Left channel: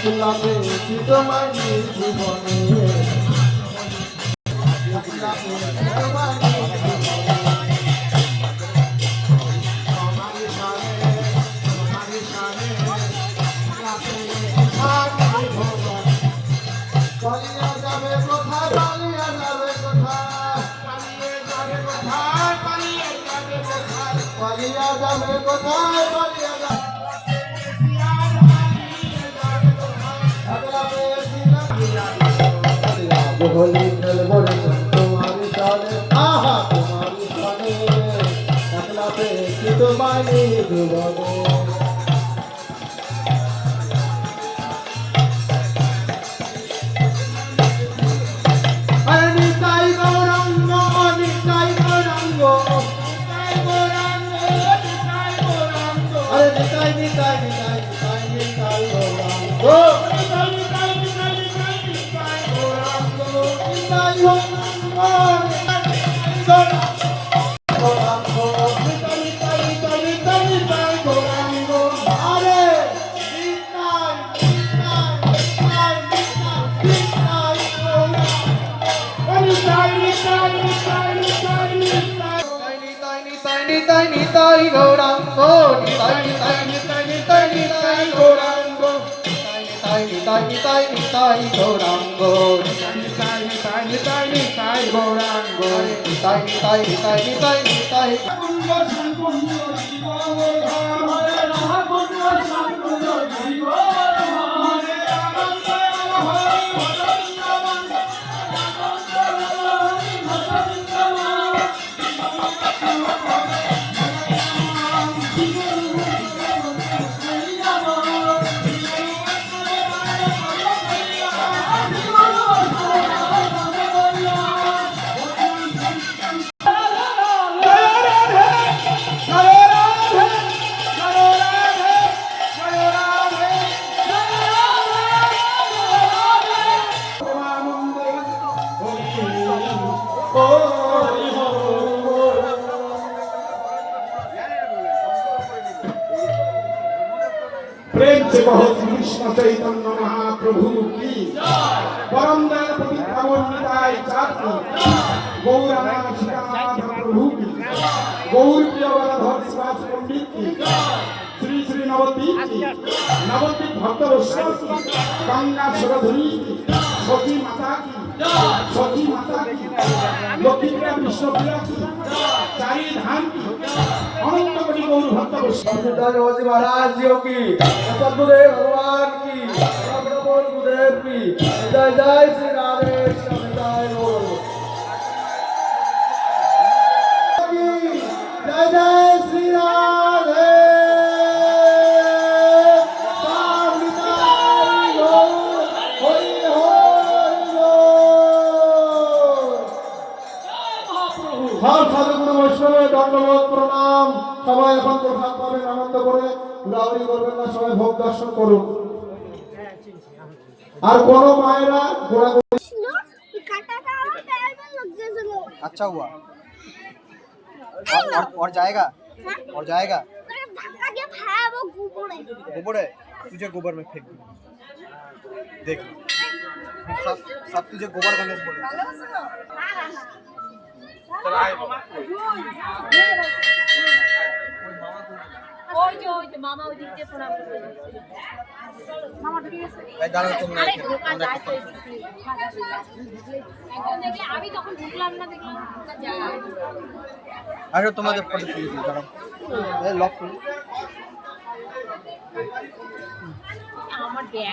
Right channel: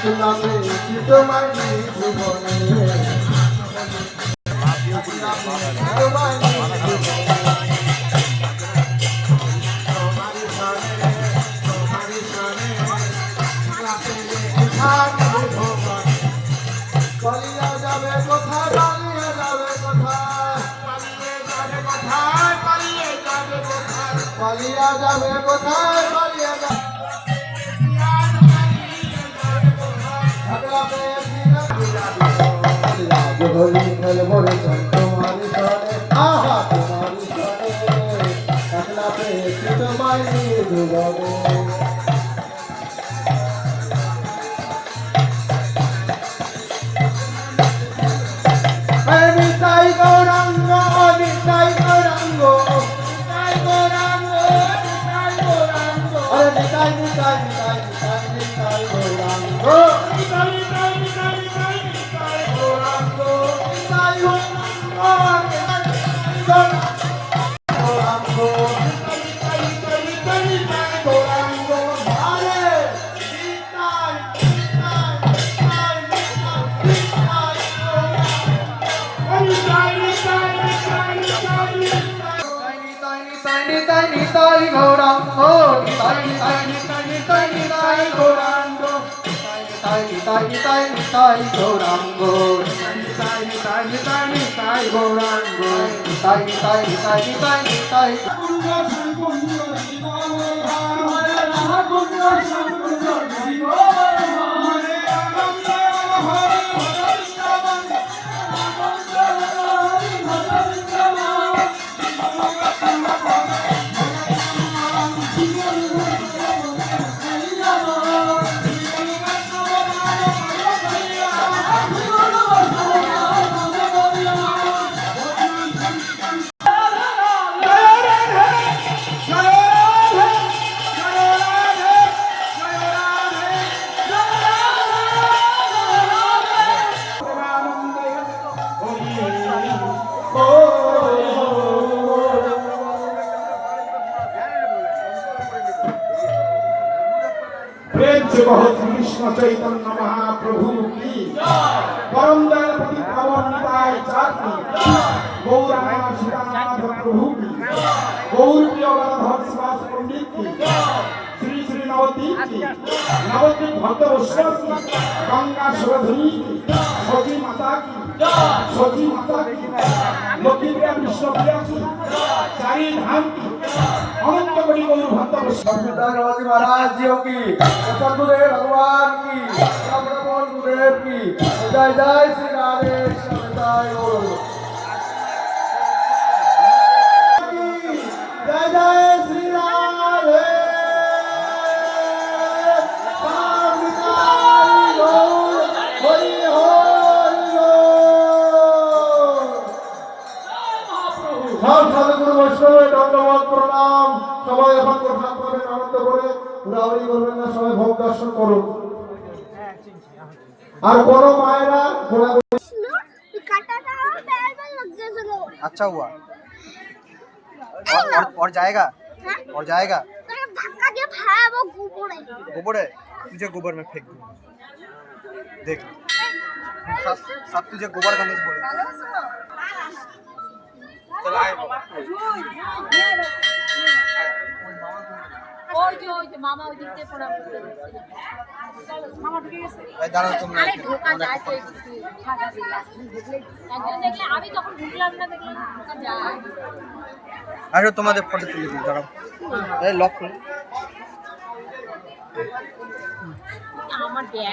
একলা পেয়েছি তোমায় জীবনে পালিয়া যাবে কোথায় পালিয়া যাবে হোলি খেলবো রে তোমারি সনে আহা তোমারি সনে একলা পেয়েছি তোমায় জীবনে प्रेम से बहुत कृष्ण चैतन्य महाप्रभु की परम दयापति प्रभु निताय चाटनी गौरांगा श्रीनाथ प्रभु की गौर प्रियवरा भक्तवास पंडित की श्री श्री नवद्वीप की नवद्वीप भक्त वैष्णव की गंगा सरोधनी की सची माता की लक्ष्मी प्रिया विष्णुप्रिया की चारी धाम की अनंत कोटि गौर भक्त वैष्णव महाराज जी की सद्गुरुदेव भगवान की गुरुदेव की जय जय श्री रामेश जय जय श्री সাধুগুরু বৈষ্ণবের দণ্ডবোধ প্রণাম। সবাই এখন প্রসাদ পাবেন আনন্দ করে, ঘোরাঘুরি করবেন না, সবাই ভোগ দর্শন করুন। আর কোন মায়েরা ঘোরাঘুরি अच्छा हुआ और जाएगा और जाएगा गोबर है तुझे गोबर में फेंक दूंगा देख सब तुझे गोबर गणेश बोले चल आए बाबा ওই যে মামা ওই দিকে প্রণাম করতে যাচ্ছিল চলো মামা ঢুকে গেছে ভাই দাঁড়াও তোমরা আরে ঢোকা যায় তো ফাঁকা দিয়ে একজন দেখলে আমি তখন ঢুকলাম না দেখলাম ঢোকা যায় আরে তোমাদের ফটো তুলে দিই দাঁড়াও এই লক আমার ব্যাগ